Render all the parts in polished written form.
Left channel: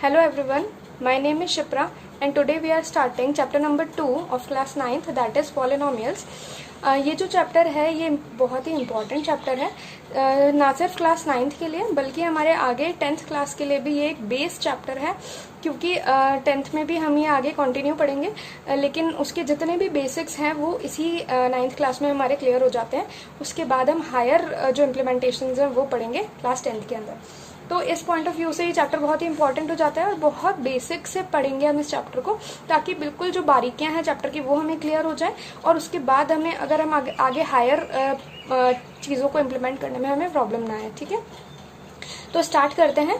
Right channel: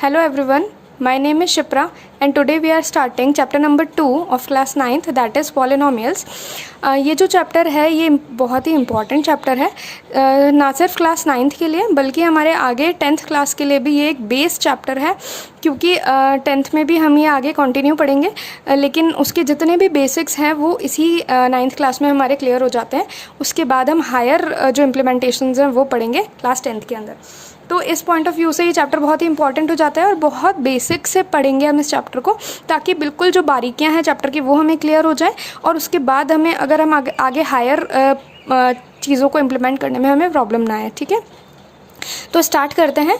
Hello everyone, my name is Shipra and today we are starting chapter number 2 of class 9th that is polynomials. ये जो chapter है ये बहुत ही important chapter है, ना सिर्फ क्लास 9th के लिए बल्कि हमारे आगे 10th क्लास के लिए भी ये एक बेस चैप्टर है, क्योंकि 10th में भी हम ये आगे कंटिन्यू पढ़ेंगे, लेकिन उसके जितने भी बेसिक्स हैं वो इसी 9th क्लास में हमारे क्लियर हो जाते हैं। उसके बाद हम हायर जो इम्प्लीमेंटेशंस हैं वो पढ़ेंगे क्लास 10th के अंदर। तो इस पॉइंट ऑफ व्यू से ये चैप्टर बहुत ही इंपॉर्टेंट हो जाता है और बहुत बेसिक से पढ़ेंगे हम इस चैप्टर को, ताकि बिल्कुल जो बारीकियां हैं चैप्टर की वो हमें क्लियर हो जाए और उसके बाद हमें अगर हम आगे हायर चीज़ों को इम्प्लीमेंट करने में हमें प्रॉब्लम ना आए। ठीक है, तो स्टार्ट करते हैं।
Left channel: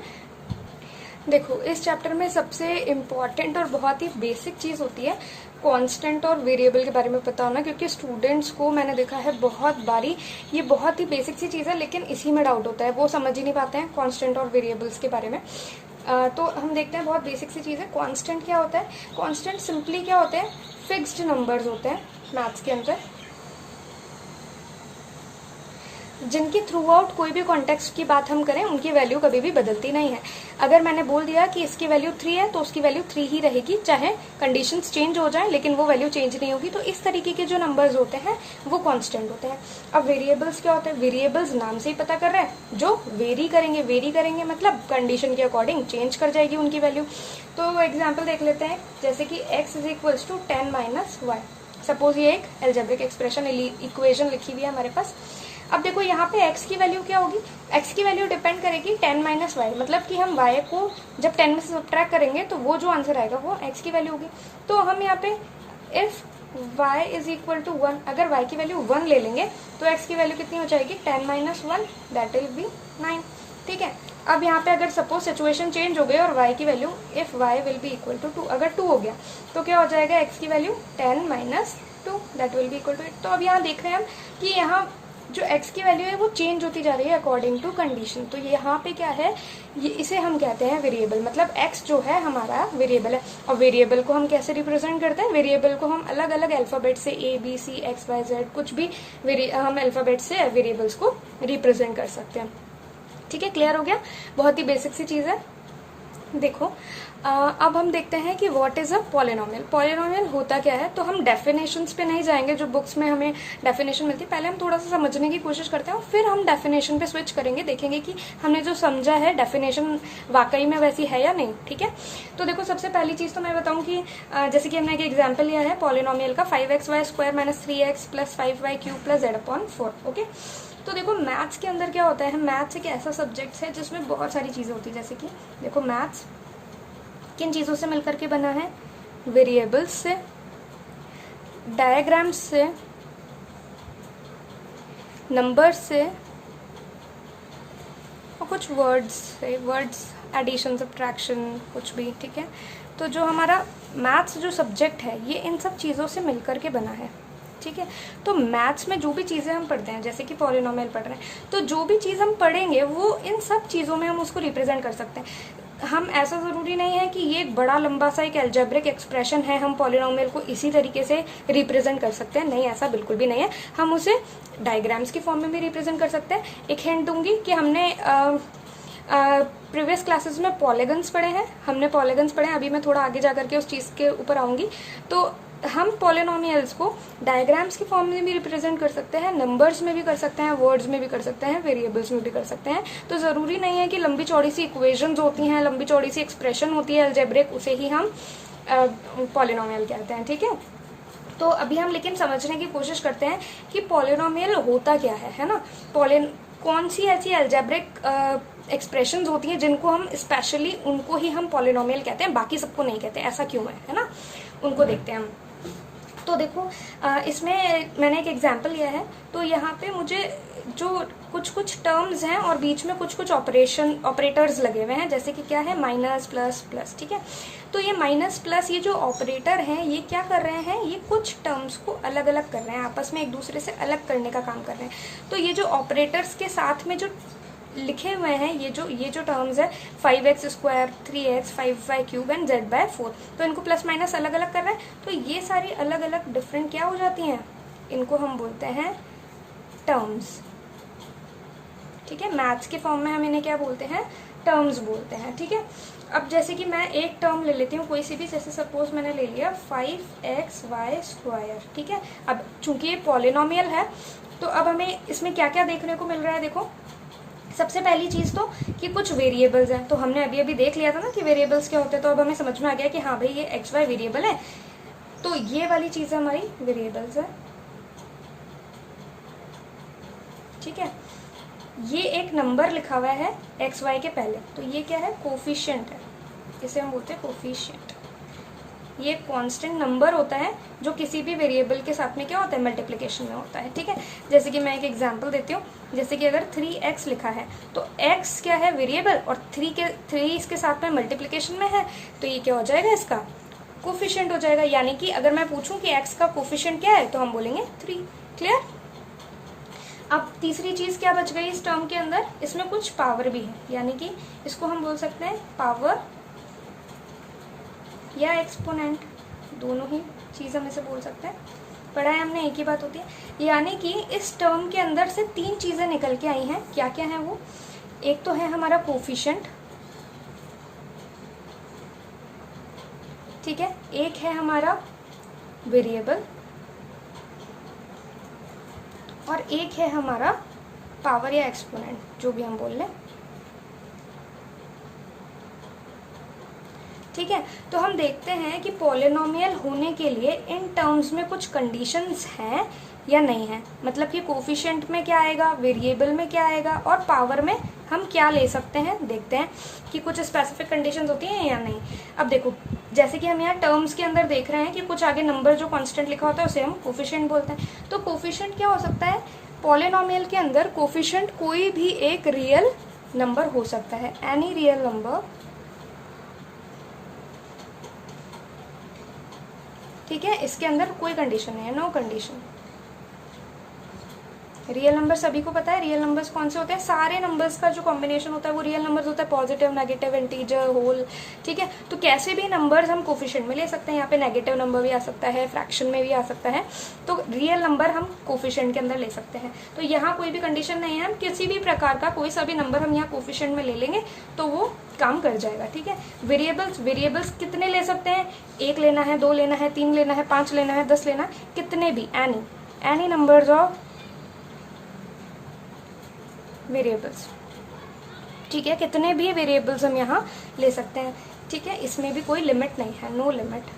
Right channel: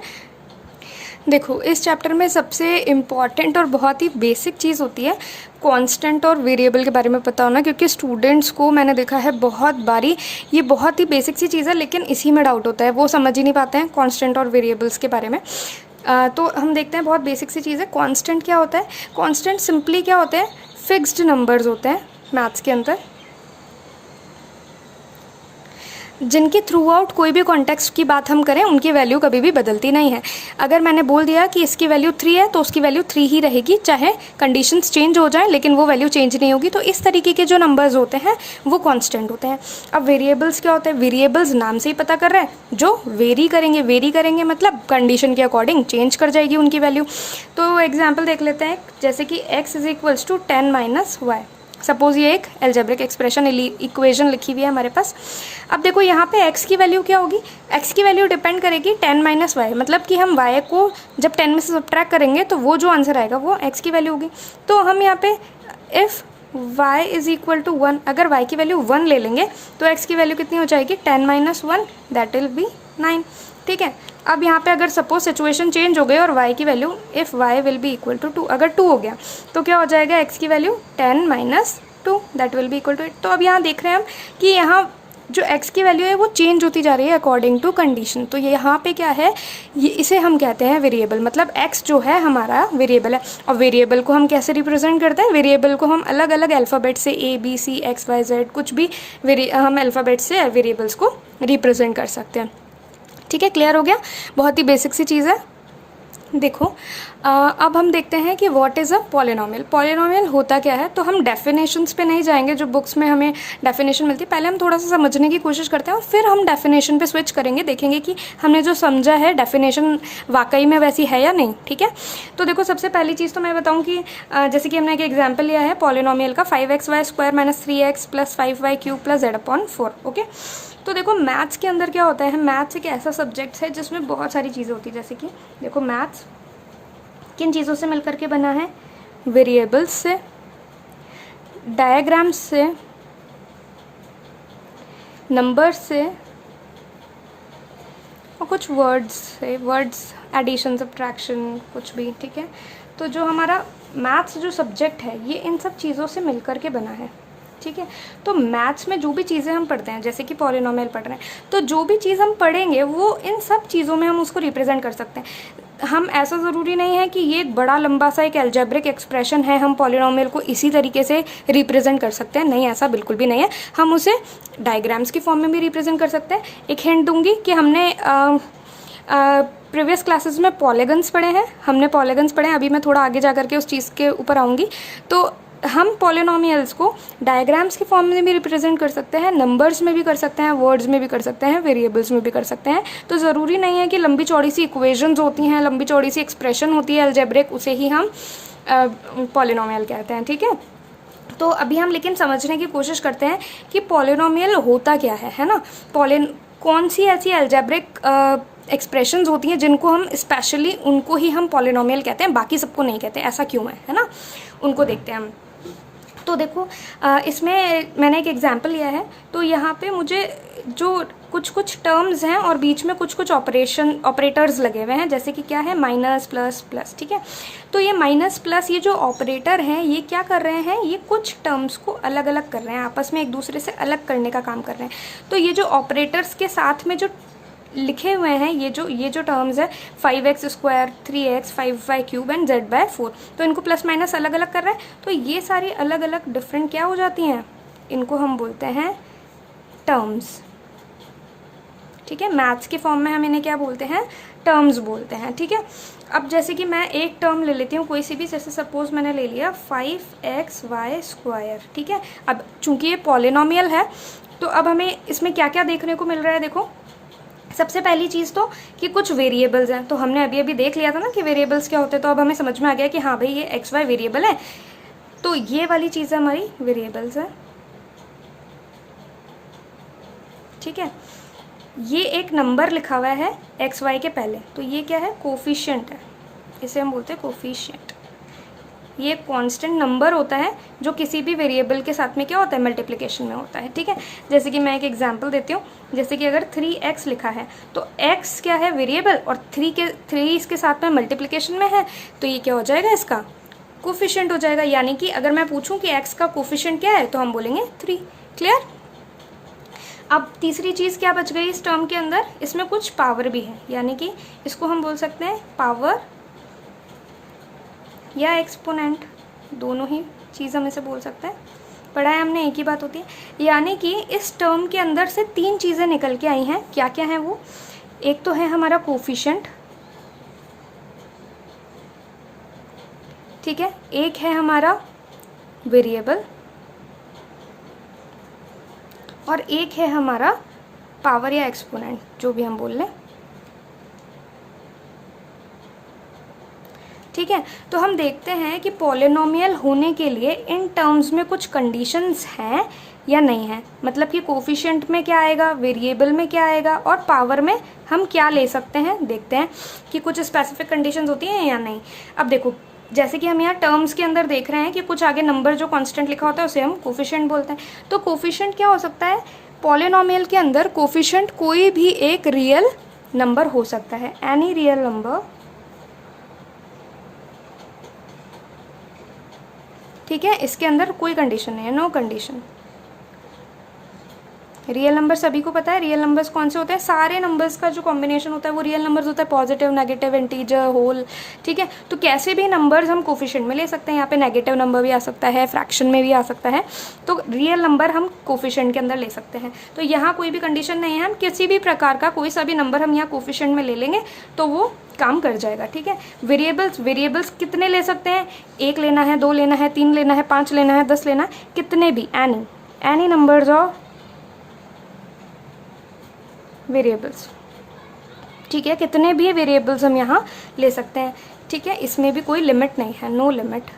देखो, इस चैप्टर में सबसे इम्पॉर्टेंट और बहुत ही बेसिक चीज़ होती है कांस्टेंट और वेरिएबल के बारे में पता होना, क्योंकि स्टूडेंट्स को मैंने देखा है बहुत बारी ये बहुत ही बेसिक सी चीज़ है लेकिन इसी में डाउट होता है, वो समझ ही नहीं पाते हैं कांस्टेंट और वेरिएबल्स के बारे में। तो हम देखते हैं, बहुत बेसिक सी चीज़ है। कांस्टेंट क्या होता है? कांस्टेंट सिंपली क्या होते हैं? फिक्स्ड नंबर्स होते हैं मैथ्स के अंदर, जिनकी थ्रू आउट कोई भी कॉन्टेक्स्ट की बात हम करें उनकी वैल्यू कभी भी बदलती नहीं है। अगर मैंने बोल दिया कि इसकी वैल्यू 3 है तो उसकी वैल्यू 3 ही रहेगी, चाहे कंडीशंस चेंज हो जाए लेकिन वो वैल्यू चेंज नहीं होगी। तो इस तरीके के जो नंबर्स होते हैं वो कांस्टेंट होते हैं। अब वेरिएबल्स क्या होते हैं? वेरिएबल्स नाम से ही पता कर रहे हैं, जो वेरी करेंगे मतलब कंडीशन के अकॉर्डिंग चेंज कर जाएगी उनकी वैल्यू। तो एग्जाम्पल देख लेते हैं, जैसे कि x is equals to 10 - y। Suppose ये एक एल्जेब्रिक एक्सप्रेशन इक्वेशन लिखी हुई है हमारे पास। अब देखो यहाँ पे x की वैल्यू क्या होगी? x की वैल्यू डिपेंड करेगी 10 - y, मतलब कि हम y को जब 10 में से सब्ट्रैक्ट करेंगे तो वो जो आंसर आएगा वो x की वैल्यू होगी। तो हम यहाँ पे if y is equal to 1, अगर y की वैल्यू 1 ले लेंगे तो x की वैल्यू कितनी हो जाएगी? 10 - 1, दैट विल बी 9। ठीक है, अब यहाँ पे अगर सपोज सिचुएशन चेंज हो गई और y की value if y will be equal to 2, अगर 2 हो गया तो क्या हो जाएगा? x की value 10 - 2, that will be equal to 8। तो अब यहाँ देख रहे हैं हम कि यहाँ जो x की वैल्यू है वो चेंज होती जा रही है अकॉर्डिंग टू कंडीशन। तो ये यहाँ पे क्या है? ये इसे हम कहते हैं वेरिएबल, मतलब x जो है हमारा वेरिएबल है। और वेरिएबल को हम कैसे रिप्रेजेंट करते हैं? वेरिएबल को हम अलग अलग अल्फ़ाबेट से A B C X Y Z कुछ भी हम अल्फ़ाबेट से वेरिएबल्स को रिप्रेजेंट कर सकते हैं। ठीक है, क्लियर हो गया? बहुत ही बेसिक सी चीज़ है। देखो, अब हम देखते हैं कि what is a polynomial. Polynomial होता क्या है? तो हम डेफिनेशंस पे नहीं जाएंगे, जो बुक्स में हमें डेफिनेशन मिलती है, पहले हम थोड़ा सा समझने की कोशिश करते हैं और फिर हम डेफिनेशन पे स्विच करेंगे, देखेंगे कि हमने जो समझा है डेफिनेशन वाकई में वैसी है या नहीं। ठीक है, तो देखो, सबसे पहली चीज़ तो मैं बताऊँ कि जैसे कि हमने एक एग्जाम्पल लिया है पॉलिनोमियल का, 5xy² - 3x + 5y³ + z/4। Okay, तो देखो मैथ्स के अंदर क्या होता है? मैथ्स एक ऐसा सब्जेक्ट है जिसमें बहुत सारी चीज़ें होती है। जैसे कि देखो, मैथ्स किन चीज़ों से मिलकर के बना है? वेरिएबल्स से, डायग्राम्स से, नंबर्स से और कुछ वर्ड्स से, वर्ड्स एडिशन सब्ट्रैक्शन कुछ भी। ठीक है, तो जो हमारा मैथ्स जो सब्जेक्ट है ये इन सब चीज़ों से मिलकर के बना है। ठीक है, तो मैथ्स में जो भी चीज़ें हम पढ़ते हैं, जैसे कि पॉलिनोमियल पढ़ रहे हैं, तो जो भी चीज़ हम पढ़ेंगे वो इन सब चीज़ों में हम उसको रिप्रेजेंट कर सकते हैं। हम ऐसा ज़रूरी नहीं है कि ये एक बड़ा लंबा सा एक एल्जेब्रिक एक्सप्रेशन है, हम पॉलिनोमियल को इसी तरीके से रिप्रेजेंट कर सकते हैं। नहीं, ऐसा बिल्कुल भी नहीं है। हम उसे डायग्राम्स की फॉर्म में भी रिप्रेजेंट कर सकते हैं। एक हिंट दूंगी कि हमने प्रीवियस क्लासेस में पॉलीगन्स पढ़े हैं, हमने पॉलीगन्स पढ़े हैं। अभी मैं थोड़ा आगे जा करके उस चीज़ के ऊपर आऊँगी। तो हम पॉलिनोमियल्स को डायग्राम्स की फॉर्म में भी रिप्रेजेंट कर सकते हैं, नंबर्स में भी कर सकते हैं, वर्ड्स में भी कर सकते हैं, वेरिएबल्स में भी कर सकते हैं। तो ज़रूरी नहीं है कि लंबी चौड़ी सी इक्वेशंस होती हैं, लंबी चौड़ी सी एक्सप्रेशन होती है अलजेब्रिक, उसे ही हम पॉलिनोमियल कहते हैं। ठीक है, तो अभी हम लेकिन समझने की कोशिश करते हैं कि पॉलिनोमियल होता क्या है ना? कौन सी ऐसी अलजेब्रिक एक्सप्रेशंस होती हैं जिनको हम स्पेशली उनको ही हम पॉलिनोमियल कहते हैं, बाकी सबको नहीं कहते। ऐसा क्यों है ना? उनको देखते हैं हम। तो देखो, इसमें मैंने एक एग्जाम्पल लिया है। तो यहाँ पे मुझे जो कुछ टर्म्स हैं और बीच में कुछ ऑपरेटर्स लगे हुए हैं, जैसे कि क्या है? Minus, plus, plus. ठीक है, तो ये माइनस प्लस ये जो ऑपरेटर हैं ये क्या कर रहे हैं? ये कुछ टर्म्स को अलग अलग कर रहे हैं, आपस में एक दूसरे से अलग करने का काम कर रहे हैं। तो ये जो ऑपरेटर्स के साथ में जो लिखे हुए हैं ये जो टर्म्स है 5x², 3x, 5y³ and z/4, तो इनको प्लस माइनस अलग अलग कर रहे हैं। तो ये सारी अलग अलग डिफरेंट क्या हो जाती हैं? इनको हम बोलते हैं टर्म्स। ठीक है, मैथ्स के फॉर्म में हम इन्हें क्या बोलते हैं? टर्म्स बोलते हैं। ठीक है, अब जैसे कि मैं एक टर्म ले लेती हूँ कोई सी भी, जैसे सपोज मैंने ले लिया 5xy², ठीक है। अब चूंकि ये पॉलिनोमियल है तो अब हमें इसमें क्या क्या देखने को मिल रहा है, देखो सबसे पहली चीज तो कि कुछ वेरिएबल्स हैं, तो हमने अभी अभी देख लिया था ना कि वेरिएबल्स क्या होते हैं, तो अब हमें समझ में आ गया कि हाँ भाई ये XY वेरिएबल है, तो ये वाली चीज हमारी वेरिएबल्स है, ठीक है। ये एक नंबर लिखा हुआ है XY के पहले, तो ये क्या है, कोफिशिएंट है, इसे हम बोलते हैं कोफिशिएंट। ये कांस्टेंट नंबर होता है जो किसी भी वेरिएबल के साथ में क्या होता है, मल्टीप्लिकेशन में होता है, ठीक है। जैसे कि मैं एक एग्जांपल देती हूँ, जैसे कि अगर 3x लिखा है तो x क्या है, वेरिएबल, और 3 इसके साथ में मल्टीप्लिकेशन में है, तो ये क्या हो जाएगा, इसका कोफिशिएंट हो जाएगा। यानी कि अगर मैं पूछूं कि x का कोफिशिएंट क्या है तो हम बोलेंगे 3। क्लियर। अब तीसरी चीज क्या बच गई इस टर्म के अंदर, इसमें कुछ पावर भी है, यानी कि इसको हम बोल सकते हैं पावर या एक्सपोनेंट, दोनों ही चीज हम इसे बोल सकते हैं, पढ़ा है हमने, एक ही बात होती है। यानी कि इस टर्म के अंदर से 3 चीजें निकल के आई हैं, क्या क्या है वो, एक तो है हमारा कोफिशिएंट, ठीक है, एक है हमारा वेरिएबल, और एक है हमारा पावर या एक्सपोनेंट, जो भी हम बोल लें, ठीक है। तो हम देखते हैं कि पॉलिनोमियल होने के लिए इन टर्म्स में कुछ कंडीशंस हैं या नहीं है, मतलब कि कोफिशिएंट में क्या आएगा, वेरिएबल में क्या आएगा, और पावर में हम क्या ले सकते हैं, देखते हैं कि कुछ स्पेसिफिक कंडीशंस होती हैं या नहीं। अब देखो जैसे कि हम यहाँ टर्म्स के अंदर देख रहे हैं कि कुछ आगे नंबर जो कांस्टेंट लिखा होता है उसे हम कोफिशिएंट बोलते हैं। तो कोफिशिएंट क्या हो सकता है, पॉलिनोमियल के अंदर कोफिशिएंट कोई भी एक रियल नंबर हो सकता है, एनी रियल नंबर, ठीक है। इसके अंदर कोई कंडीशन नहीं है, नो कंडीशन। रियल नंबर सभी को पता है, रियल नंबर्स कौन से होते हैं, सारे नंबर्स का जो कॉम्बिनेशन होता है वो रियल नंबर्स होता है, पॉजिटिव, नेगेटिव, इंटीजर, होल, ठीक है। तो कैसे भी नंबर्स हम कोफिशिएंट में ले सकते हैं, यहाँ पे नेगेटिव नंबर भी आ सकता है, फ्रैक्शन में भी आ सकता है, तो रियल नंबर हम कोफिशिएंट के अंदर ले सकते हैं। तो यहाँ कोई भी कंडीशन नहीं है, हम किसी भी प्रकार का कोई सा भी नंबर हम यहाँ कोफिशिएंट में ले लेंगे तो वो काम कर जाएगा, ठीक है। वेरिएबल्स कितने ले सकते हैं, 1 लेना है, 2 लेना है, 3 लेना है, 5 लेना है, 10 लेना है, कितने भी, एनी नंबर्स ऑफ वेरिएबल्स, ठीक है, कितने भी वेरिएबल्स हम यहाँ ले सकते हैं, ठीक है। इसमें भी कोई लिमिट नहीं है, no limit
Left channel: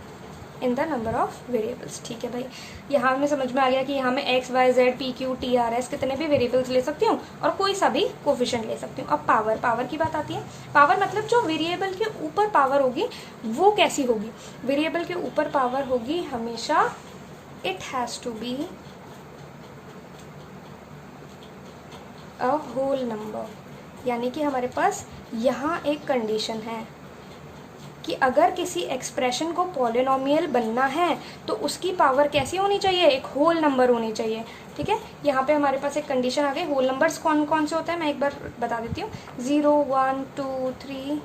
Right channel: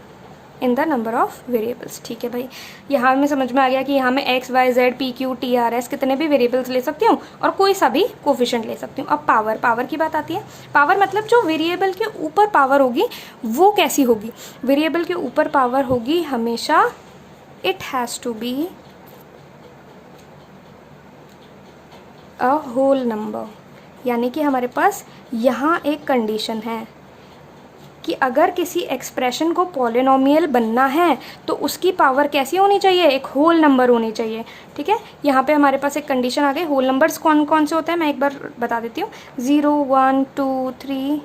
in the number of variables, ठीक है भाई। यहाँ में समझ में आ गया कि यहाँ में x, y, z, p, q, t, r, s कितने भी वेरिएबल्स ले सकती हूँ और कोई सा भी कोफिशिएंट ले सकती हूँ। अब पावर की बात आती है। पावर मतलब जो वेरिएबल के ऊपर पावर होगी वो कैसी होगी, वेरिएबल के ऊपर पावर होगी हमेशा, it has to be a whole number. यानी कि हमारे पास यहाँ एक कंडीशन है कि अगर किसी एक्सप्रेशन को पॉलिनोमियल बनना है तो उसकी पावर कैसी होनी चाहिए, एक होल नंबर होनी चाहिए, ठीक है। यहाँ पे हमारे पास एक कंडीशन आ गई। होल नंबर्स कौन कौन से होते हैं मैं एक बार बता देती हूँ, 0, 1, 2, 3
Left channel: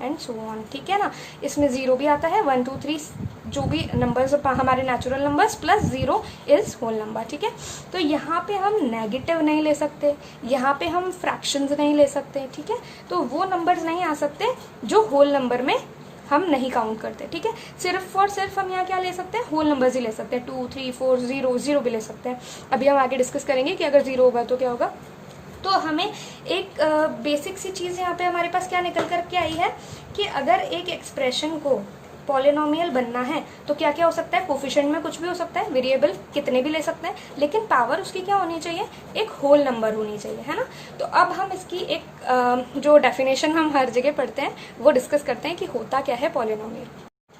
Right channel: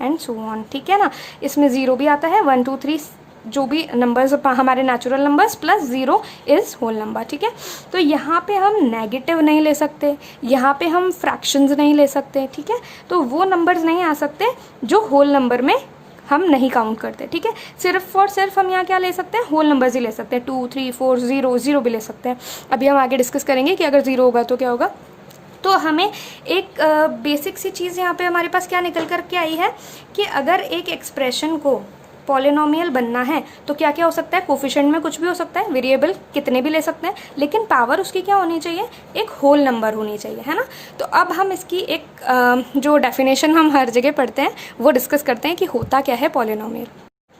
एंड सो ऑन, ठीक है ना। इसमें 0 भी आता है, 1, 2, 3 जो भी नंबर्स हमारे natural numbers plus 0 is whole number, ठीक है। तो यहाँ पे हम नेगेटिव नहीं ले सकते, यहाँ पे हम फ्रैक्शंस नहीं ले सकते, ठीक है। तो वो नंबर्स नहीं आ सकते जो होल नंबर में हम नहीं काउंट करते, ठीक है। सिर्फ और सिर्फ हम यहाँ क्या ले सकते हैं, होल नंबर्स ही ले सकते हैं, 2, 3, 4, 0 भी ले सकते हैं। अभी हम आगे डिस्कस करेंगे कि अगर 0 होगा तो क्या होगा। तो हमें एक बेसिक सी चीज़ यहाँ पे हमारे पास क्या निकल कर के आई है कि अगर एक एक्सप्रेशन को पॉलिनोमियल बनना है तो क्या क्या हो सकता है, कोफिशिएंट में कुछ भी हो सकता है, वेरिएबल कितने भी ले सकते हैं, लेकिन पावर उसकी क्या होनी चाहिए, एक होल नंबर होनी चाहिए, है ना। तो अब हम इसकी एक जो डेफिनेशन हम हर जगह पढ़ते हैं वो डिस्कस करते हैं कि होता क्या है पॉलिनोमियल।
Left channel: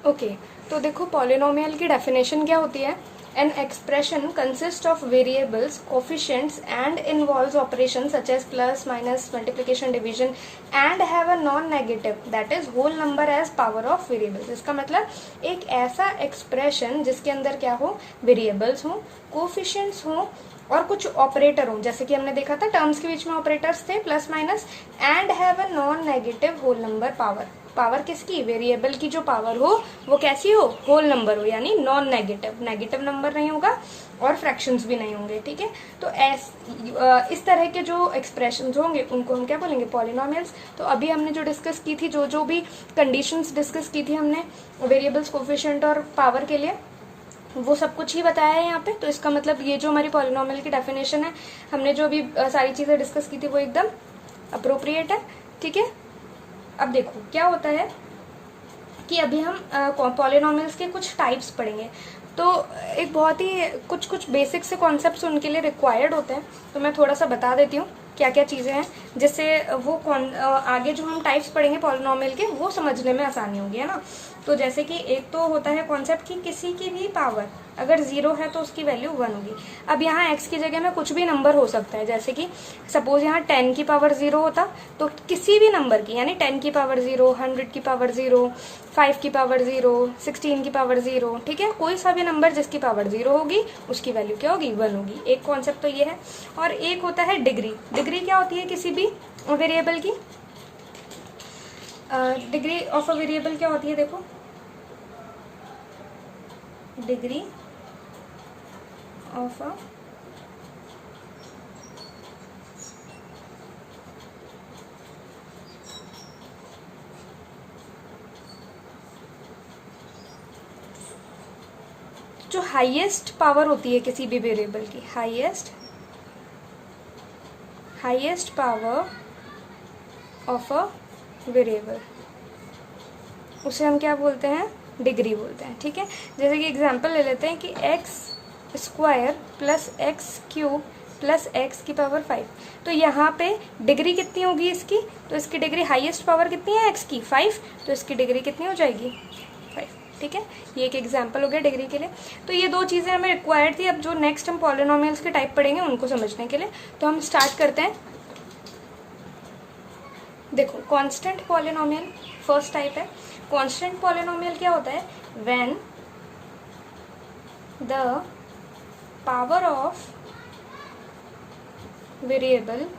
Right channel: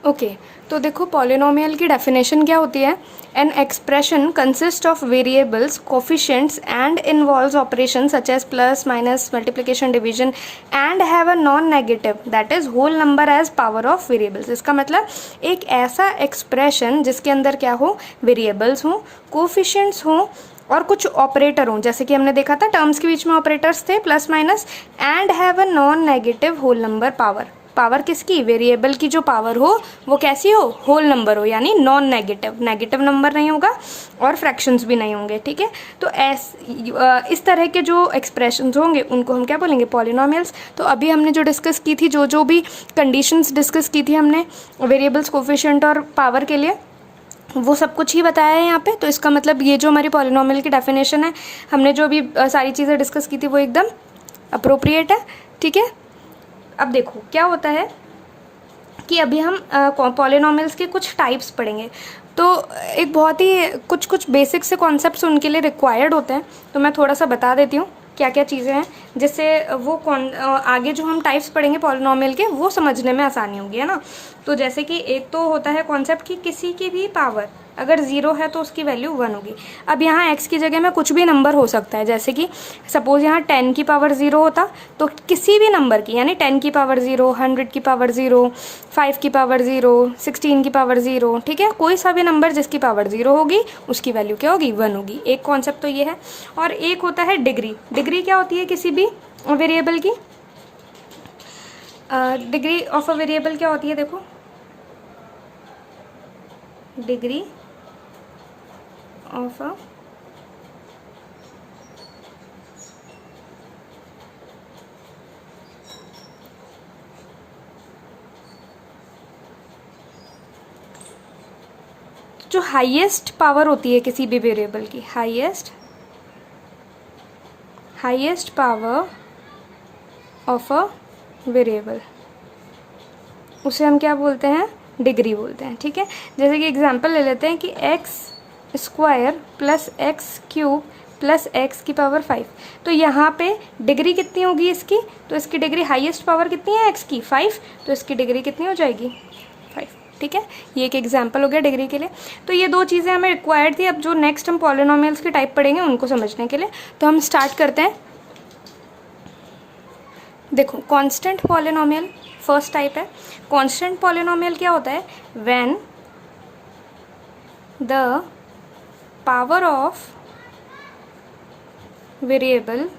ओके, तो देखो पॉलिनोमियल की डेफिनेशन क्या होती है, an expression consists of variables, coefficients and involves operations such as plus, minus, multiplication, division and have a non-negative that is whole number as power of variables। इसका मतलब एक ऐसा एक्सप्रेशन जिसके अंदर क्या हो, वेरिएबल्स हो, कोफिशिएंट्स हो और कुछ ऑपरेटर हो, जैसे कि हमने देखा था टर्म्स के बीच में ऑपरेटर्स थे plus minus, and have a non negative whole number power, power किसकी, वेरिएबल की जो पावर हो वो कैसी हो, होल नंबर हो, यानी नॉन नेगेटिव, नेगेटिव नंबर नहीं होगा और फ्रैक्शंस भी नहीं होंगे, ठीक है। तो इस तरह के जो एक्सप्रेशंस होंगे उनको हम क्या बोलेंगे, पॉलिनोमियल्स। तो अभी हमने जो डिस्कस की थी, जो भी कंडीशंस डिस्कस की थी हमने वेरिएबल्स, कोफिशिएंट और पावर के लिए, वो सब कुछ ही बताया है यहाँ पे। तो इसका मतलब ये जो हमारी पॉलिनोमियल की डेफिनेशन है, हमने जो अभी सारी चीज़ें डिस्कस की थी वो एकदम अप्रोप्रिएट है, ठीक है। अब देखो क्या होता है कि अभी हम पॉलिनोमियल्स के कुछ टाइप्स पढ़ेंगे। तो एक बहुत ही कुछ बेसिक से कॉन्सेप्ट्स उनके लिए रिक्वायर्ड होते हैं, तो मैं थोड़ा सा बता देती हूँ क्या क्या चीज़ें हैं, जिससे वो आगे जो हम टाइप्स पढ़ेंगे पॉलिनोमियल के वो समझने में आसानी होगी, है ना। तो जैसे कि एक तो होता है कॉन्सेप्ट कि किसी की भी पावर अगर 0 है तो उसकी वैल्यू 1 होगी। अब यहाँ x की जगह में कुछ भी नंबर हो सकता है, जैसे कि सपोज यहाँ 10 की पावर 0 होता तो किसी भी नंबर की, यानी 10 की पावर 0, 100 की पावर 0, 5 की पावर 0, 16 की पावर 0, ठीक है, कोई सा भी नंबर जिसकी पावर 0 होगी उसकी वैल्यू क्या होगी, 1 होगी। एक कॉन्सेप्ट तो ये है। और एक होता है डिग्री। डिग्री क्या होती है किसी भी वेरिएबल की, डिग्री ऑफ अ वेरिएबल क्या होती है, देखो डिग्री ऑफ अ जो हाईएस्ट पावर होती है किसी भी वेरिएबल की, highest power of a variable, उसे हम क्या बोलते हैं, डिग्री बोलते हैं, ठीक है। जैसे कि एग्जांपल ले लेते हैं कि x² plus x³ plus x की पावर 5, तो यहाँ पे डिग्री कितनी होगी इसकी, तो इसकी डिग्री हाईएस्ट पावर कितनी है x की, 5, तो इसकी डिग्री कितनी हो जाएगी, 5, ठीक है। ये एक एग्जांपल हो गया डिग्री के लिए। तो ये दो चीज़ें हमें रिक्वायर्ड थी। अब जो नेक्स्ट हम पॉलिनोमियल्स की टाइप पढ़ेंगे उनको समझने के लिए, तो हम स्टार्ट करते हैं। देखो कांस्टेंट पॉलिनोमियल फर्स्ट टाइप है। कांस्टेंट पॉलिनोमियल क्या होता है, when the power of variable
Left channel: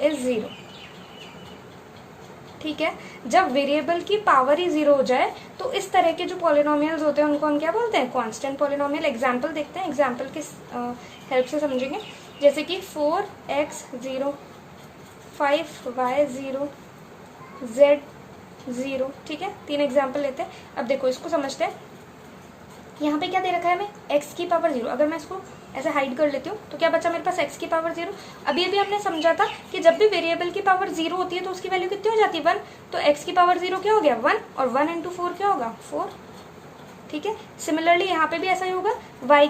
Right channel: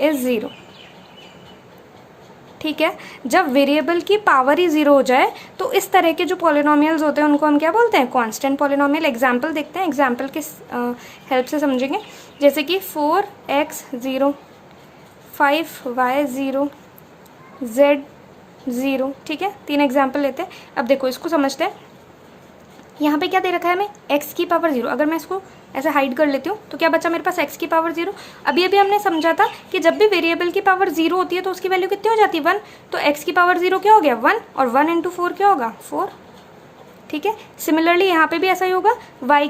is 0, ठीक है। जब वेरिएबल की पावर ही 0 हो जाए तो इस तरह के जो पॉलिनोमियल्स होते हैं उनको हम क्या बोलते हैं, कांस्टेंट पॉलिनोमियल। एग्जांपल देखते हैं, एग्जांपल के हेल्प से समझेंगे। जैसे कि 4x 0, 5y 0, z 0, ठीक है। 3 एग्जाम्पल लेते हैं। अब देखो इसको समझते हैं। यहाँ पे क्या दे रखा है हमें, x की पावर 0। अगर मैं इसको ऐसे हाइड कर लेती हूँ तो क्या बचा मेरे पास, x की पावर 0। अभी अभी हमने समझा था कि जब भी वेरिएबल की पावर 0 होती है तो उसकी वैल्यू कितनी हो जाती है, 1। तो x की पावर 0 क्या हो गया, 1, और 1 इंटू 4 क्या होगा, 4, ठीक है। सिमिलरली यहाँ पे भी ऐसा ही होगा, y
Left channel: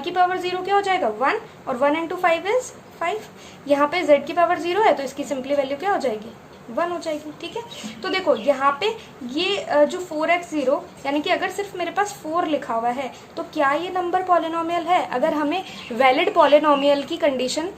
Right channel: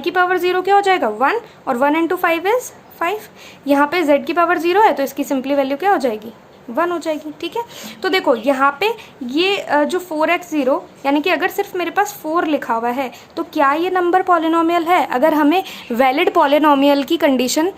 की पावर 0 क्या हो जाएगा, 1, और 1 इंटू 5 इज 5। यहाँ पे z की पावर 0 है तो इसकी सिंपली वैल्यू क्या हो जाएगी, 1 हो जाएगी, ठीक है। तो देखो यहाँ पे ये जो 4x 0, यानी कि अगर सिर्फ मेरे पास 4 लिखा हुआ है तो क्या ये नंबर पॉलिनोमियल है। अगर हमें वैलिड पॉलिनोमियल की कंडीशन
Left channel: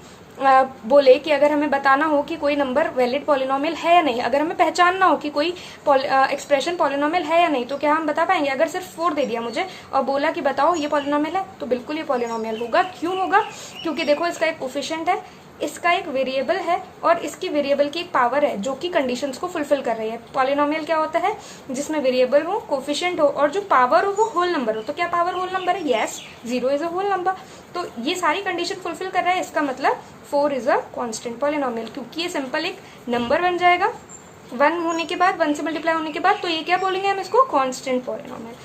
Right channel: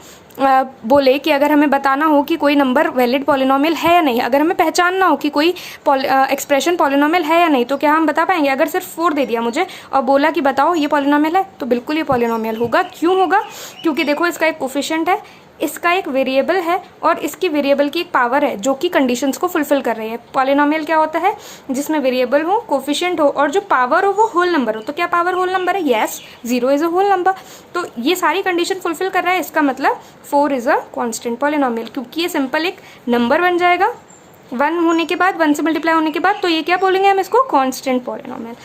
बोले कि अगर हमें बताना हो कि कोई नंबर वैलिड पॉलिनोमियल है या नहीं, अगर हमें पहचानना हो कि कोई एक्सप्रेशन पॉलिनोमियल है या नहीं, तो क्या हम बता पाएंगे। अगर सिर्फ 4 दे दिया मुझे और बोला कि बताओ ये पॉलिनोमियल है, तो बिल्कुल ये पॉलिनोमियल होगा। क्यों होगा, क्योंकि देखो इसका एक कोफिशिएंट है, इसका एक वेरिएबल है और इसकी वेरिएबल की एक पावर है जो कि कंडीशंस को फुलफिल कर रही है। पॉलिनोमियल क्या होता है, जिसमें वेरिएबल हो, कोफिशिएंट हो और जो पावर हो वो होल नंबर हो। तो क्या पावर होल नंबर है, yes, 0 is a whole number. तो ये सारी कंडीशन फुलफिल कर रहा है, इसका मतलब 4 इज अ कांस्टेंट पॉलिनोमियल, क्योंकि ये सिंपल एक नंबर बन जाएगा 1 होने के बाद, 1 से मल्टीप्लाई होने के बाद। तो ये क्या बोलेंगे हम इसको, कांस्टेंट पॉलिनोमियल।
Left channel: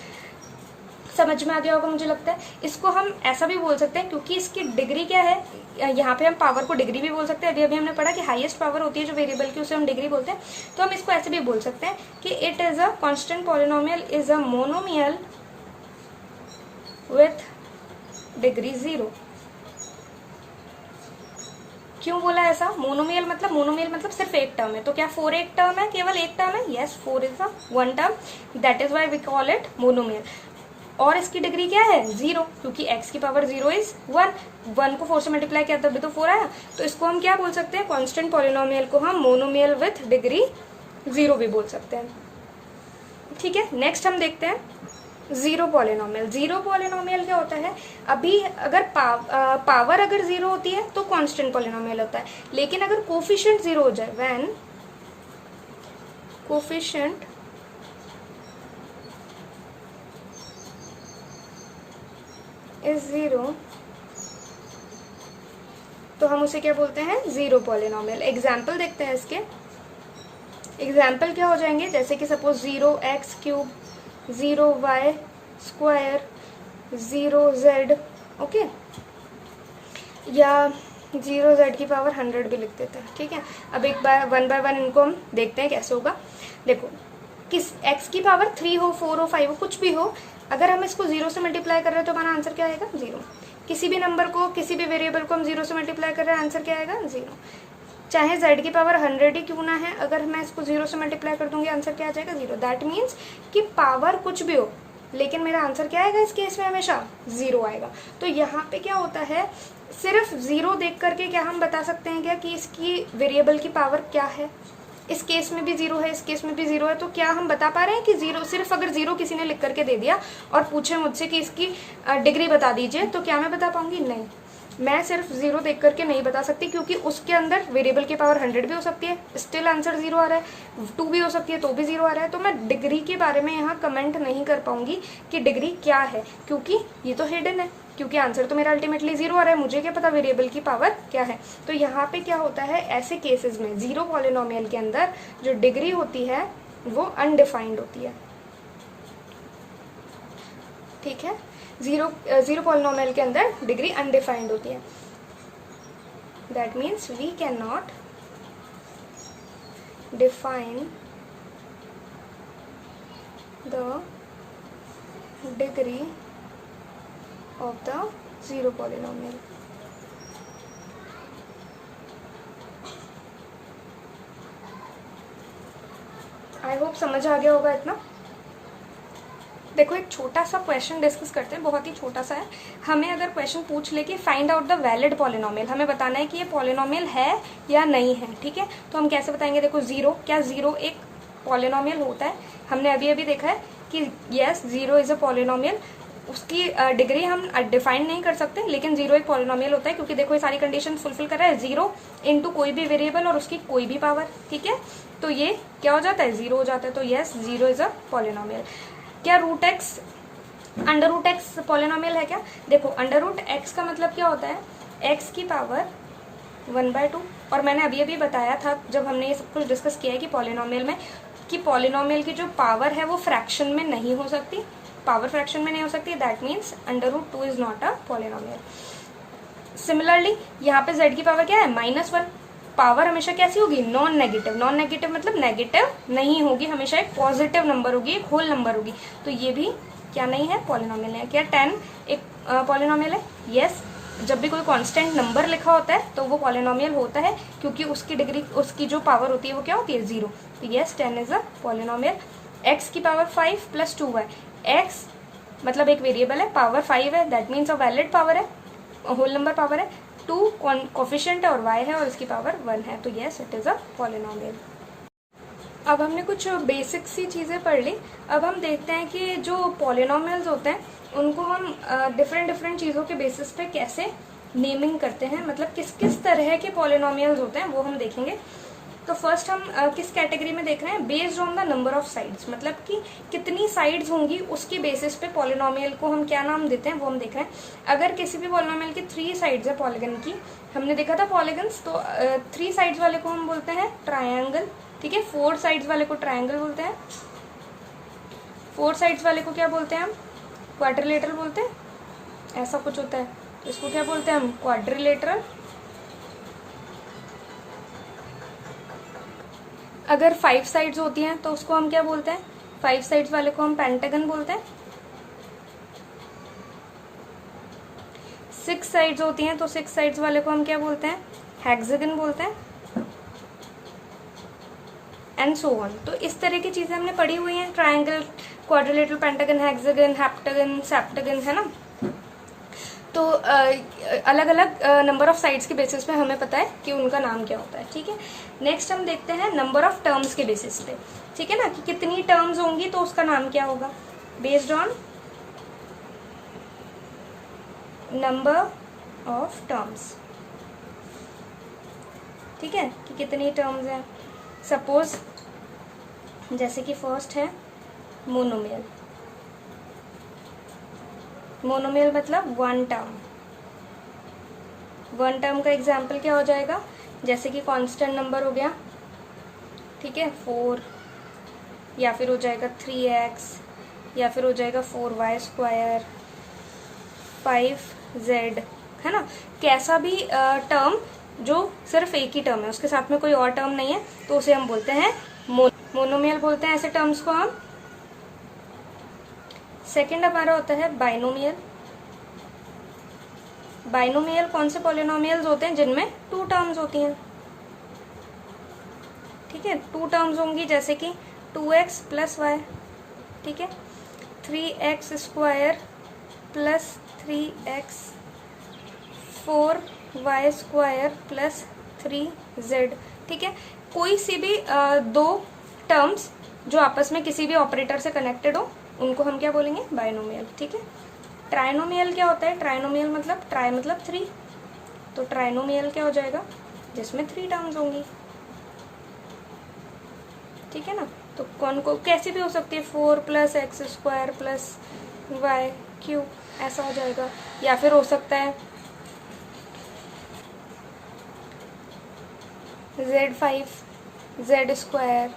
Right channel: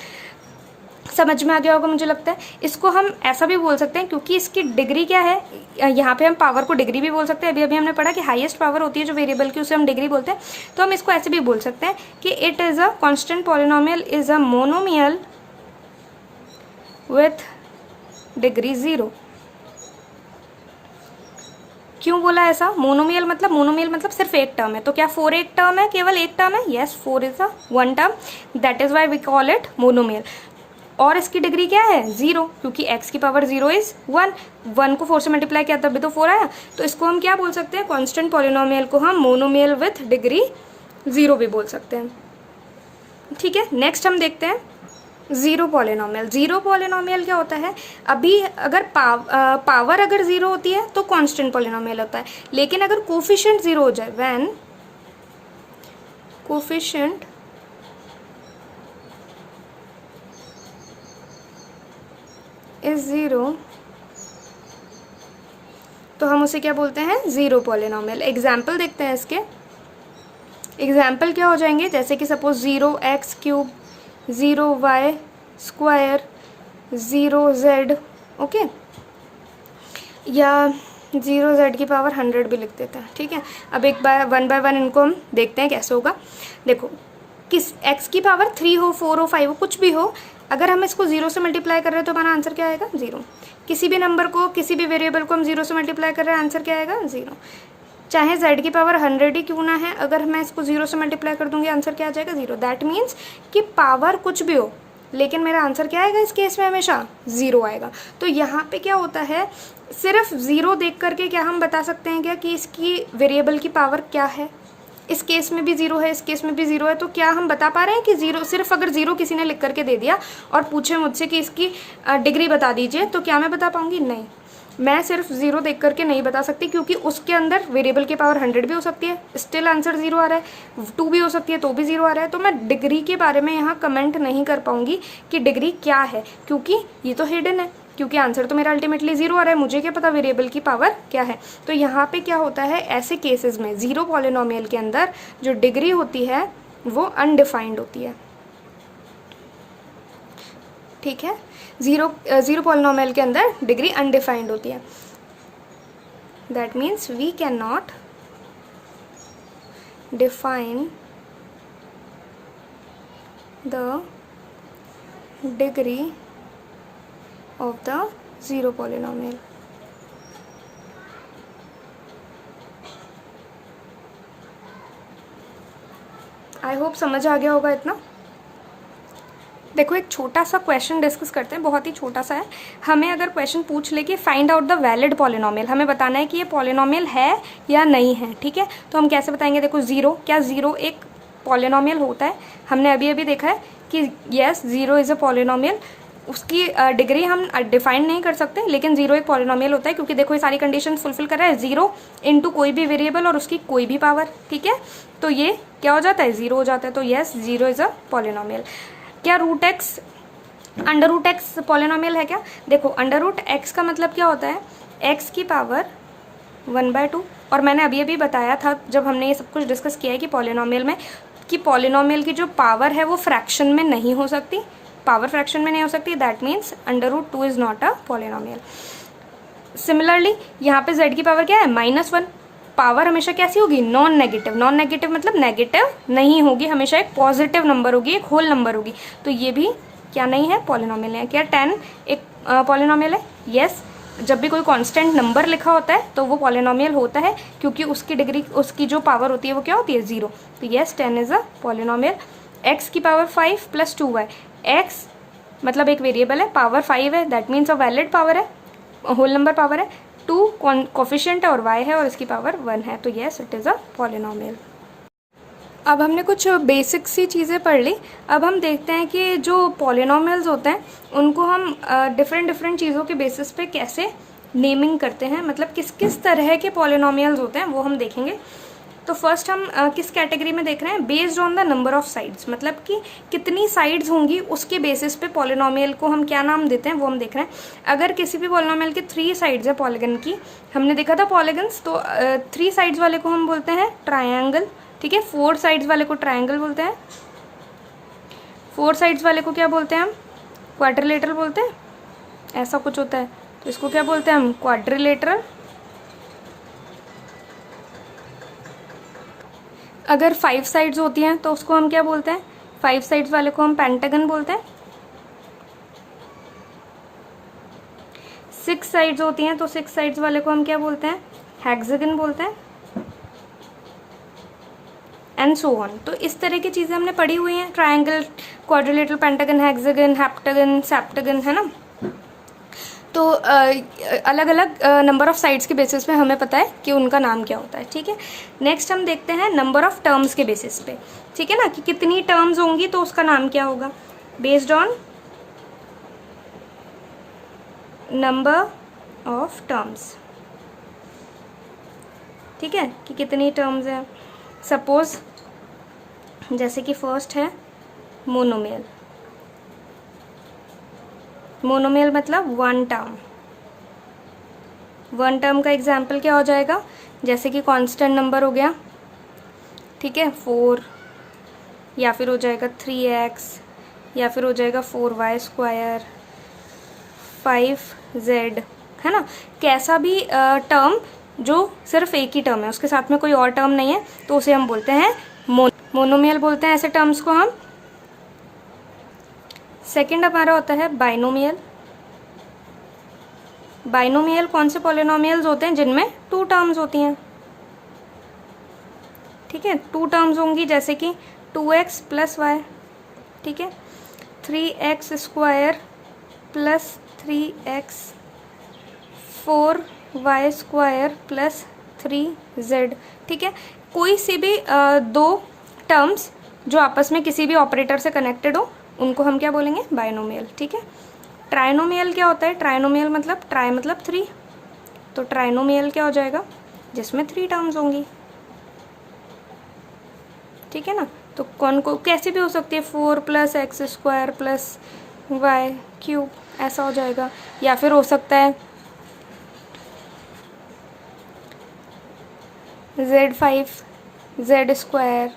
समझ में आ गया होगा मुझे लगता है। इसको हम ऐसा भी बोल सकते हैं क्योंकि इसकी डिग्री क्या है, यहाँ पे हम पावर को डिग्री भी बोल सकते हैं। अभी अभी हमने पढ़ा कि हाईएस्ट पावर होती है जो वेरिएबल की, उसे हम डिग्री बोलते हैं। तो हम इसको ऐसे भी बोल सकते हैं कि it is a constant polynomial is a monomial with degree 0। क्यों बोला ऐसा, मोनोमियल मतलब सिर्फ एक टर्म है। तो क्या 4 एक टर्म है, केवल एक टर्म है, yes, 4 is a 1 term, that is why we call it monomial. और इसकी डिग्री क्या है, 0, क्योंकि x की पावर 0 इज 1, 1 को 4 से मल्टीप्लाई किया तभी तो 4 आया। तो इसको हम क्या बोल सकते हैं, कांस्टेंट पॉलिनोमियल को हम मोनोमियल विथ डिग्री 0 भी बोल सकते हैं, ठीक है। नेक्स्ट हम देखते हैं जीरो पॉलिनोमियल। जीरो पॉलिनोमियल क्या होता है, अभी अगर पावर अगर 0 होती है तो कांस्टेंट पॉलिनोमियल होता है, लेकिन अगर कोफिशिएंट 0 हो जाए, व्हेन कोफिशिएंट इज ज़ीरो, तो हम उसे क्या बोलते हैं, ज़ीरो पॉलिनोमियल। एग्जाम्पल देखते हैं इसके। एग्जाम्पल क्या हो जाएंगे, जैसे कि suppose 0x³ 0y², 0z, okay, या 0z⁻100 भी लिख देते हैं, ठीक है। अब एक बार वन बाय वन इनको हम देखते हैं कैसे होगा। देखो, किस x³ 3 हो, 4 हो, 5 हो, कुछ भी हो, अगर हम इसको 0 से मल्टीप्लाई कर रहे हैं तो हमारा आंसर क्या आएगा, 0। किसी भी नंबर को, किसी भी वेरिएबल को हम 0 से मल्टीप्लाई कर रहे हैं, आंसर क्या आएगा, 0। चाहे z⁻100 ही क्यों ना है, अगर मैं इसको 0 से मल्टीप्लाई कर दूंगी, आंसर क्या आ जाएगा, 0। दैट मीन्स कि पावर कुछ भी हो, लेकिन मेरा आंसर क्या आएगा इस केस में, हमेशा 0 आएगा। तो यहाँ पे क्या होता है, सिर्फ 0 देख करके क्या हम बता सकते हैं क्या कि इसकी वेरिएबल की पावर क्या है। इस केस में भी 0 है, इस केस में भी 0 है, तो क्या हम बता पा रहे हैं कि 0, सिर्फ अगर 0 किसी ने लिख करके दे दिया और पूछे मुझसे कि इसकी डिग्री बता दीजिए, तो क्या मैं बता पाऊंगी, नहीं। मैं सिर्फ 0 देख करके नहीं बता सकती, क्योंकि उसके अंदर वेरिएबल की पावर 100 भी हो सकती है, स्टिल आंसर 0 आ रहा है, 2 भी हो सकती है तो भी 0 आ रहा है। तो मैं डिग्री के बारे में यहाँ कमेंट नहीं कर पाऊंगी कि डिग्री क्या है, क्योंकि ये तो हिडन है, क्योंकि आंसर तो मेरा अल्टीमेटली 0 आ रहा है, मुझे क्या पता वेरिएबल की पावर क्या है। तो यहाँ पे क्या होता है, ऐसे केसेस में 0 पॉलिनोमियल के अंदर जो डिग्री होती है वो अनडिफाइंड होती है, ठीक है। 0 पॉलिनोमियल के अंदर डिग्री अनडिफाइंड होती है। That means we can not define the degree of the 0 polynomial। I hope समझ आ गया होगा इतना। देखो, एक छोटा सा क्वेश्चन डिस्कस करते हैं, बहुत ही छोटा सा है। हमें अगर क्वेश्चन पूछ ले कि find out the valid polynomial, हमें बताना है कि ये पॉलिनोमियल है या नहीं है, ठीक है। तो हम कैसे बताएंगे, देखो 0, क्या 0 एक पॉलिनोमियल होता है? हमने अभी अभी देखा है कि यस 0 इज अ पॉलिनोमियल। उसकी डिग्री हम डिफाइन नहीं कर सकते, लेकिन 0 एक पॉलिनोमियल होता है, क्योंकि देखो ये सारी कंडीशन फुलफिल कर रहा है, 0 इंटू कोई भी वेरिएबल और उसकी कोई भी पावर, ठीक है। तो ये क्या हो जाता है, 0 हो जाता है। तो यस 0 इज अ पॉलिनोमियल। क्या √x पॉलिनोमियल है क्या? देखो, √x का मतलब क्या होता है, x की पावर 1/2। और मैंने अभी अभी बताया था जब हमने ये सब कुछ डिस्कस किया है कि पॉलिनोमियल में, कि पॉलिनोमियल की जो पावर है वो फ्रैक्शन में नहीं हो सकती, पावर फ्रैक्शन में नहीं हो सकती। That means √2 is not a polynomial. Similarly यहाँ पे z की पावर क्या है, -1। पावर हमेशा कैसी होगी, नॉन नेगेटिव। नॉन नेगेटिव मतलब नेगेटिव नहीं होगी, हमेशा एक पॉजिटिव नंबर होगी, एक होल नंबर होगी। तो ये भी क्या नहीं है, पॉलिनोमियल है। क्या 10 एक पॉलिनोमियल है? यस। जब भी कोई कांस्टेंट नंबर लिखा होता है तो वो पॉलिनोमियल होता है, क्योंकि उसकी डिग्री, उसकी जो पावर होती है वो क्या होती है, 0। तो yes 10 is a polynomial. x की पावर 5 + 2y। x मतलब एक वेरिएबल है, पावर 5 है, that means a valid power है, होल नंबर पावर है। 2 कोफिशिएंट है और y है और इसकी पावर 1 है। तो yes it is a polynomial. अब हमने कुछ बेसिक सी चीज़ें पढ़ ली। अब हम देखते हैं कि जो पॉलिनोमियल्स होते हैं उनको हम डिफरेंट चीज़ों के बेसिस पे कैसे नेमिंग करते हैं, मतलब किस किस तरह के पॉलिनोमियल्स होते हैं वो हम देखेंगे। तो फर्स्ट हम किस कैटेगरी में देख रहे हैं, based on the number of sides, मतलब कि कितनी साइड्स होंगी उसके बेसिस पे पॉलिनोमियल को हम क्या नाम देते हैं वो हम देख रहे हैं। अगर किसी भी पॉलिनोमियल की 3 साइड्स है पॉलीगन की, हमने देखा था पॉलीगन्स, तो 3 साइड्स वाले को हम बोलते हैं ट्रायंगल, ठीक है। 4 साइड्स वाले को ट्रायंगल बोलते हैं। 4 साइड्स वाले को क्या बोलते हैं हम, क्वाड्रिलेटरल बोलते हैं, ऐसा कुछ होता है। तो इसको क्या बोलते हैं हम, क्वाड्रिलेटरल। अगर 5 साइड्स होती हैं तो उसको हम क्या बोलते हैं, 5 साइड्स वाले को हम पेंटागन बोलते हैं। 6 साइड्स होती हैं तो 6 साइड्स वाले को हम क्या बोलते हैं, हेक्सागन बोलते हैं, एंड सो ऑन। तो इस तरह की चीजें हमने पढ़ी हुई हैं, triangle, quadrilateral, pentagon, hexagon, heptagon, septagon, है ना। तो अलग अलग नंबर ऑफ साइड्स के बेसिस पे हमें पता है कि उनका नाम क्या होता है, ठीक है। नेक्स्ट हम देखते हैं नंबर ऑफ टर्म्स के बेसिस पे, ठीक है ना, कि कितनी टर्म्स होंगी तो उसका नाम क्या होगा, based on number of terms, ठीक है, कि कितनी टर्म्स हैं। सपोज जैसे कि फर्स्ट है मोनोमियल। मोनोमियल मतलब वन टर्म। वन टर्म का एग्जाम्पल क्या हो जाएगा, जैसे कि कांस्टेंट नंबर हो गया, ठीक है, 4, या फिर हो जाएगा 3x, या फिर हो जाएगा 4y², 5z, है ना। कैसा भी टर्म जो सिर्फ एक ही टर्म है, उसके साथ में कोई और टर्म नहीं है, तो उसे हम बोलते हैं मोनोमियल बोलते हैं ऐसे टर्म्स को हम। सेकंड हमारा होता है बाइनोमियल। बाइनोमियल कौन से पॉलिनोमियल्स होते हैं जिनमें 2 टर्म्स होती हैं, ठीक है, 2 टर्म्स होंगी, जैसे कि 2x + y, ठीक है, 3x² + 3x, 4y² + 3z, ठीक है। कोई सी भी 2 टर्म्स जो आपस में किसी भी ऑपरेटर से कनेक्टेड हो, उनको हम क्या बोलेंगे, बाइनोमियल, ठीक है। ट्राइनोमियल क्या होता है, ट्राइनोमियल मतलब ट्राई मतलब 3, तो ट्राइनोमियल क्या हो जाएगा, जिसमें 3 टर्म्स होंगी, ठीक है ना। तो कौन को कैसे भी हो सकती है, 4 + x² + y³, ऐसा हो जाएगा। या फिर हो सकता है z5 z²,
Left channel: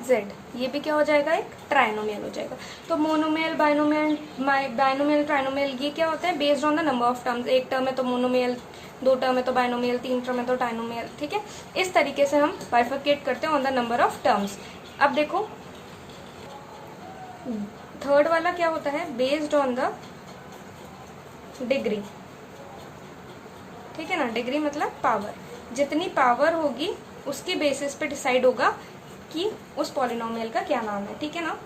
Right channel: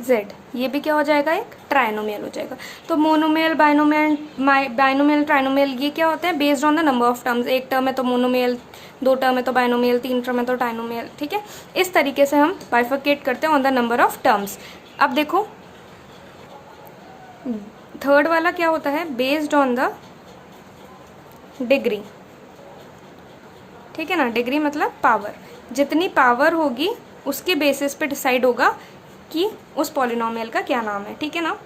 z, ये भी क्या हो जाएगा, एक ट्राइनोमियल हो जाएगा। तो मोनोमियल, बाइनोमियल, ट्राइनोमियल, ये क्या होता है, based on the number of terms. एक टर्म है तो मोनोमियल, 2 टर्म है तो बाइनोमियल, 3 टर्म है तो ट्राइनोमियल, ठीक है। इस तरीके से हम बाइफरकेट करते हैं on the number of terms. अब देखो थर्ड वाला क्या होता है, बेस्ड ऑन द डिग्री, ठीक है ना। डिग्री मतलब पावर, जितनी पावर होगी उसके बेसिस पे डिसाइड होगा कि उस पॉलिनोमियल का क्या नाम है, ठीक है ना।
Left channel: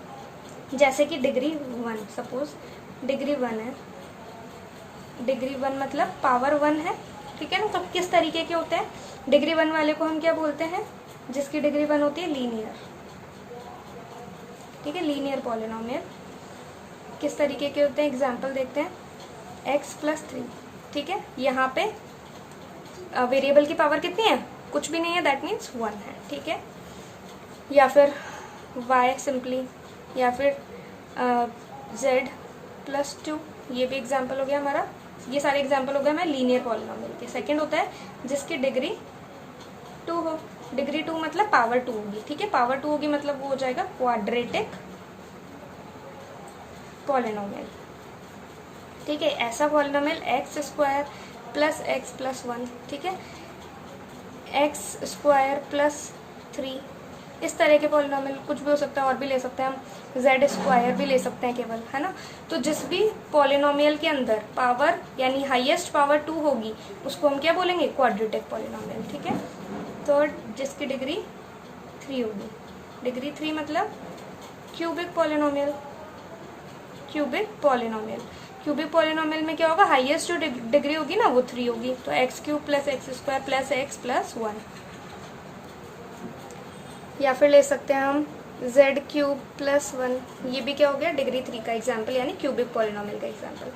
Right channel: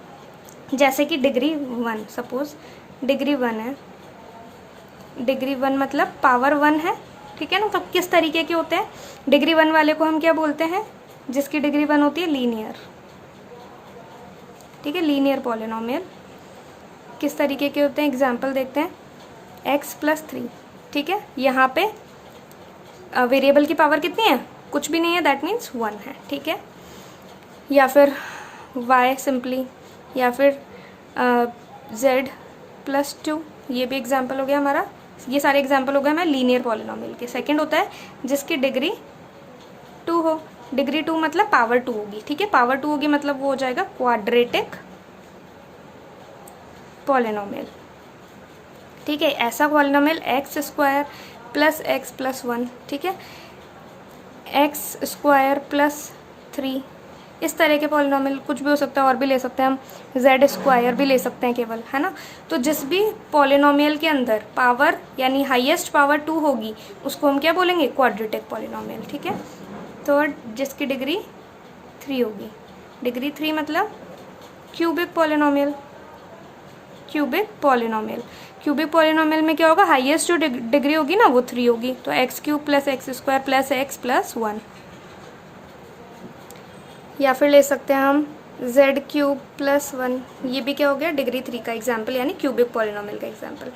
जैसे कि डिग्री 1, सपोज डिग्री 1 है, डिग्री 1 मतलब पावर 1 है, ठीक है ना। तो किस तरीके के होते हैं, डिग्री 1 वाले को हम क्या बोलते हैं, जिसकी डिग्री 1 होती है, लीनियर, ठीक है, लीनियर पॉलिनोमियल। किस तरीके के होते हैं, एग्जाम्पल देखते हैं, x + 3, ठीक है, यहाँ पे वेरिएबल की पावर कितनी है, कुछ भी नहीं है, दैट मीन्स 1 है, ठीक है। या फिर y सिंपली, या फिर z + 2, ये भी एग्जाम्पल हो गया हमारा। ये सारे एग्जाम्पल हो गए हमारे लीनियर पॉलिनोमियल के। सेकंड होता है जिसकी डिग्री 2 हो, डिग्री 2 मतलब पावर 2 होगी, ठीक है, पावर 2 होगी मतलब वो हो जाएगा क्वाड्रेटिक पॉलिनोमियल, ठीक है। ऐसा पॉलिनोमियल x² + x + 1, ठीक है, x² + 3, इस तरह के पॉलिनोमियल कुछ भी हो सकता है, और भी ले सकते हैं हम, z² भी ले सकते हैं केवल, है ना। तो जिस भी पॉलिनोमियल के अंदर पावर यानी हाईएस्ट पावर 2 होगी उसको हम क्या बोलेंगे, क्वाड्रेटिक पॉलिनोमियल, ठीक है। थर्ड जिसकी डिग्री 3 होगी, डिग्री 3 मतलब cubic polynomial, cubic polynomial. Cubic polynomial में क्या होगा, हाईएस्ट जो डिग्री होगी ना वो 3 होगी, तो x³ + x² + x + 1। या फिर ले सकते हैं हम z³ + 1, ये भी क्या हो गया, डिग्री 3 का एग्जाम्पल, यानी क्यूबिक पॉलिनोमियल का एग्जाम्पल।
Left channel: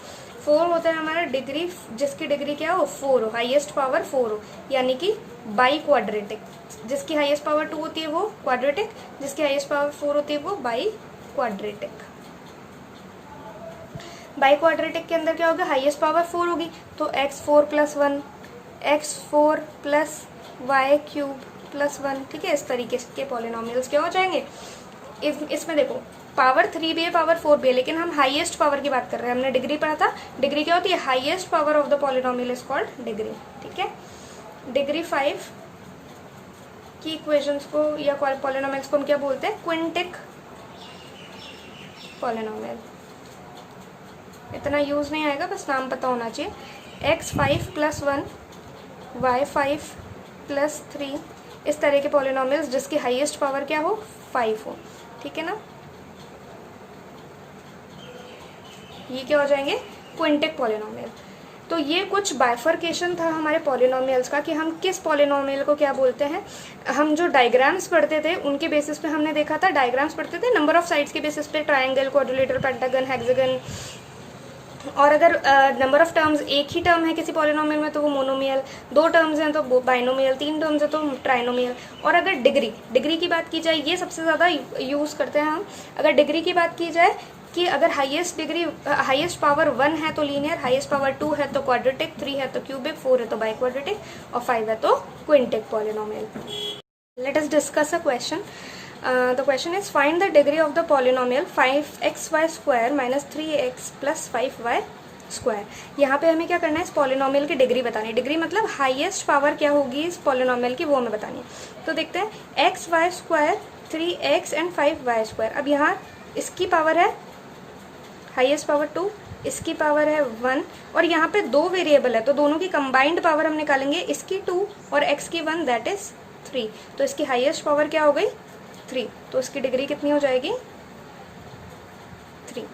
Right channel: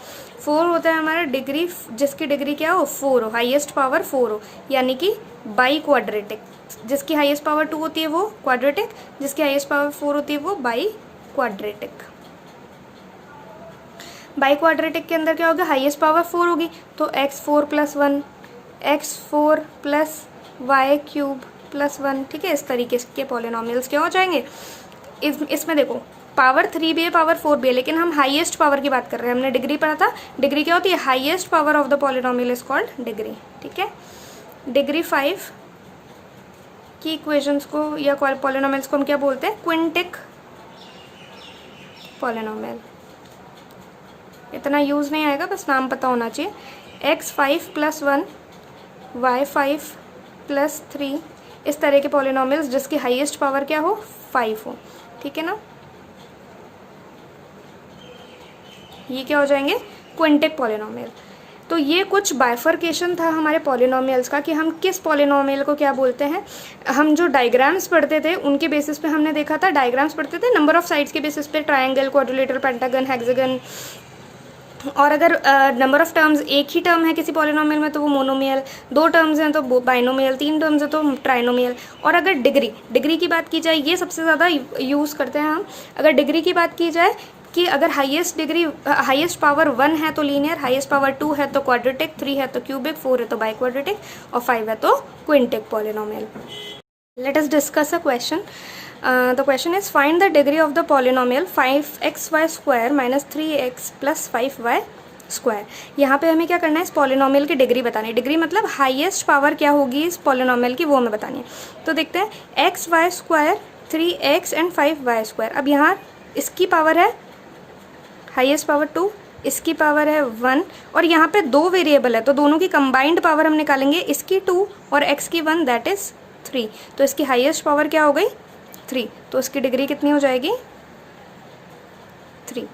4 होता है हमारा डिग्री, जिसकी डिग्री क्या हो, 4 हो, हाईएस्ट पावर 4 हो, यानी कि बाई क्वाड्रेटिक। जिसकी हाईएस्ट पावर 2 होती है वो क्वाड्रेटिक, जिसकी हाईएस्ट पावर 4 होती है वो बाई क्वाड्रेटिक। बाई क्वाड्रेटिक के अंदर क्या होगा, हाईएस्ट पावर 4 होगी, तो x4 + 1, x4 + y³ + 1, ठीक है। इस तरीके के पॉलिनोमियल्स क्या हो जाएंगे। इसमें देखो पावर 3 भी है, पावर 4 भी है, लेकिन हम हाईएस्ट पावर की बात कर रहे हैं। हमने डिग्री पढ़ा था, डिग्री क्या होती है, highest power of the polynomial is called degree, ठीक है। डिग्री 5 की इक्वेशंस को या पॉलिनोमियल्स को हम क्या बोलते हैं, क्विंटिक पॉलिनोमियल। इतना यूज नहीं आएगा, बस नाम पता होना चाहिए। x5 + 1, y5 + 3, इस तरह के पॉलिनोमियल्स जिसकी हाईएस्ट पावर क्या हो, 5 हो, ठीक है ना। ये क्या हो जाएंगे, क्विंटिक पॉलिनोमियल। तो ये कुछ बाइफर्केशन था हमारे पॉलिनोमियल्स का कि हम किस पॉलिनोमियल को क्या बोलते हैं। हम जो डायग्राम्स पढ़ते थे उनके बेसिस पे हमने देखा था, डायग्राम्स पढ़ते थे नंबर ऑफ साइड्स के बेसिस पे, ट्रायंगल, क्वाड्रिलेटरल, पेंटागन, हेक्सागन, और अगर नंबर ऑफ टर्म्स, एक ही टर्म है किसी पॉलिनोमियल में तो वो मोनोमियल, 2 टर्म्स हैं तो वो बाइनोमियल, 3 टर्म्स है तो ट्राइनोमियल। और अगर डिग्री की बात की जाए, ये सबसे ज़्यादा यूज़ करते हैं हम। अगर डिग्री की बात की जाए कि अगर हाईएस्ट पावर 1 है तो लीनियर, हाईएस्ट पावर 2 है तो क्वाड्रेटिक, 3 है तो क्यूबिक, 4 है तो बाई क्वाड्रेटिक और 5 है तो quintic polynomial. Let us discuss a question. The question is, find the degree of the polynomial 5xy square minus 3x plus 5y square. यहाँ पे हमें क्या करना है, इस पॉलिनोमियल की डिग्री बतानी है. डिग्री मतलब हाईएस्ट पावर क्या होगी इस पॉलिनोमियल की, वो हमें बतानी है. तो देखते हैं, x y square 3x and 5y square. अब यहाँ इसकी पावर है हाईएस्ट पावर 2, इसकी पावर है 1 और यहाँ पे 2 वेरिएबल है तो दोनों की कंबाइंड पावर हम निकालेंगे. इसकी 2 और x की 1, दैट इज 3. तो इसकी हाईएस्ट पावर क्या हो गई, 3. तो इसकी डिग्री कितनी हो जाएगी, 3.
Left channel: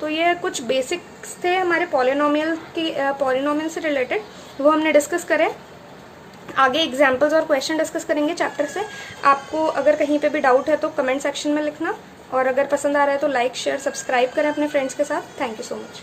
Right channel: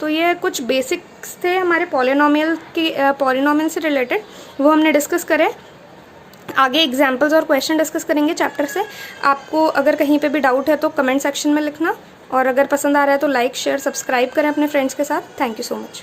तो ये कुछ बेसिक्स थे हमारे पॉलिनोमियल से रिलेटेड, वो हमने डिस्कस करें. आगे एग्जाम्पल्स और क्वेश्चन डिस्कस करेंगे चैप्टर से. आपको अगर कहीं पे भी डाउट है तो कमेंट सेक्शन में लिखना, और अगर पसंद आ रहा है तो लाइक शेयर सब्सक्राइब करें अपने फ्रेंड्स के साथ. Thank you so much.